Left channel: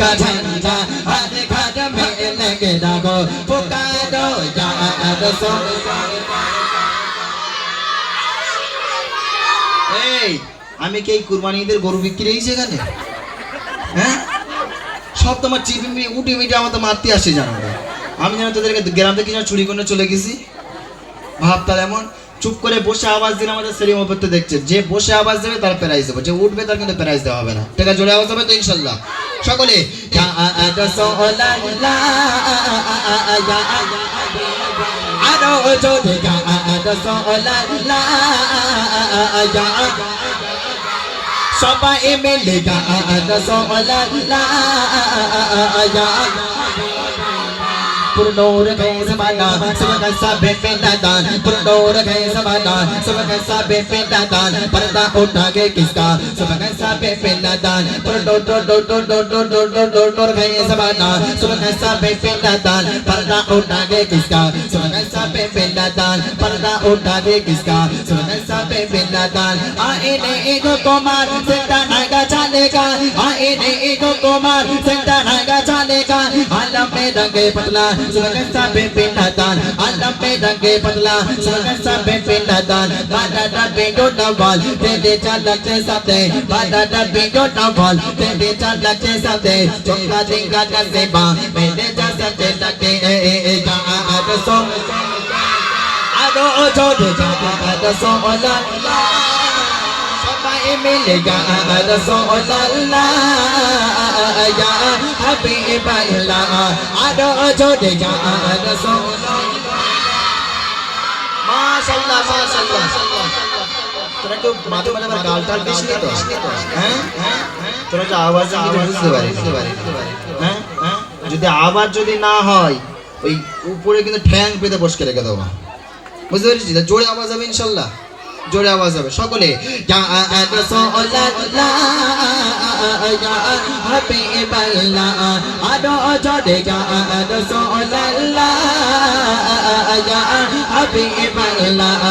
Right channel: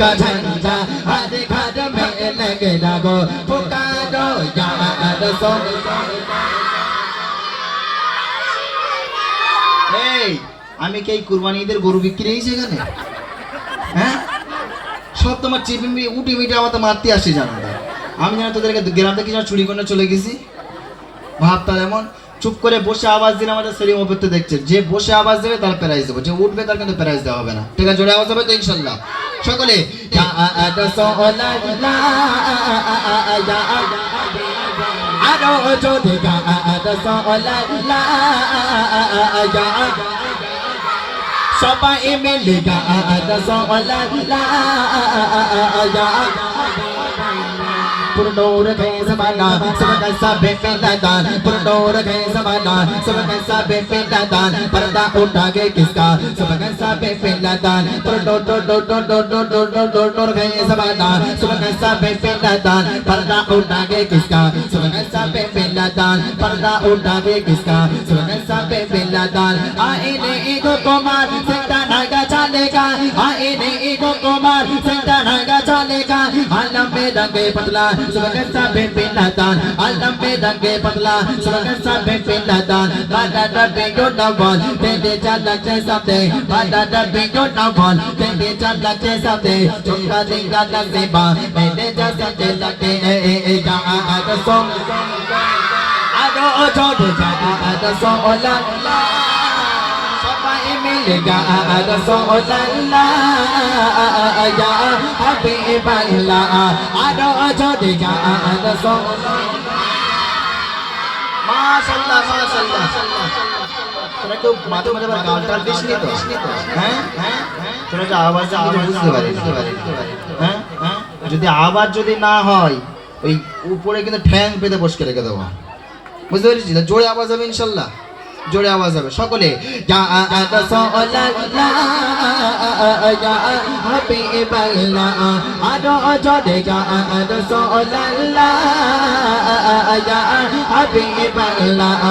का झंडा हर घर में लगे लगो पुकारो या रसूल। আমি কি কুরবানি ঈদের গরু বিক্রি হয়েছে এখানে? হ্যাঁ, সব তোমার চিপি উঠে মিটে আমাদের মারতে আসে জানো। আমি যেন তোদেরকে গ্রাম থেকে চুরি করে চলে গেছি ভাবতা এমন। চুপ করে বসে আওয়াজ দিলে আমাদের সেলিম অপত্য দেখছে, যে বসে আওয়াজ দেবে তার প্রাইজ দেবো, যে উঠবে তার কিন্তু প্রাইজ দেওয়া হবে না। ঠিক আছে, জোরে আওয়াজ হবে তো ইনশাল্লাহ সকলে। আরো জোরে সবাই মিলে पुरनूर गए ज़माना सबका सब बेदान, पुरनूर गए ज़माना सबका सब बेदान, पर्दा उठा के किसका सबका सब बेदान, पुरनूर गए ज़माना सबका सब बेदान, पर्दा उठा के किसका सबका सब बेदान, पर्दा उठा के किसका सबका सब बेदान। आईने एक कुमार सेंटा नायका चलेगा, आईने एक कुमार सेंटा नायका चलेगा, आलम में रंगे पतला सुबह साबे पिंडादान, आलम में रंगे पतला सुबह साबे पिंडादान, बादा डबे डोडवाल तेरे चलते साथे, बादा डबे डोडवाल तेरे चलते साथे, चौका दिंगा नसेबा मेरे जैसे लगते ए जा आदसो आदो छोड़ जा आदसो ओला मिलेगा रसूल अल्लाह या हबीब अल्लाह आदो जोड़ेगा रसूल। माशाअल्लाह माशाअल्लाह। তোরা তো মাঝে মাঝে আমার গালটাল দিসনি তো? হ্যাঁ, তোরা তো আওয়াজ বুঝতে পারিস। হ্যাঁ, যদি আওয়াজ যদি না হয় ওই উপরে কিন্তু ঠ্যাং পেতে বসকে রেখে দেবো, বুঝতে পারছিস? জোরে আওয়াজ হবে ইনশাল্লাহ, জোরে আওয়াজ হবে সকলে। ইয়া রাসূলুল্লাহ ইয়া হাবিবাল্লাহ আদো জোরে ইয়া রাসূলুল্লাহ ইয়া হাবিবাল্লাহ।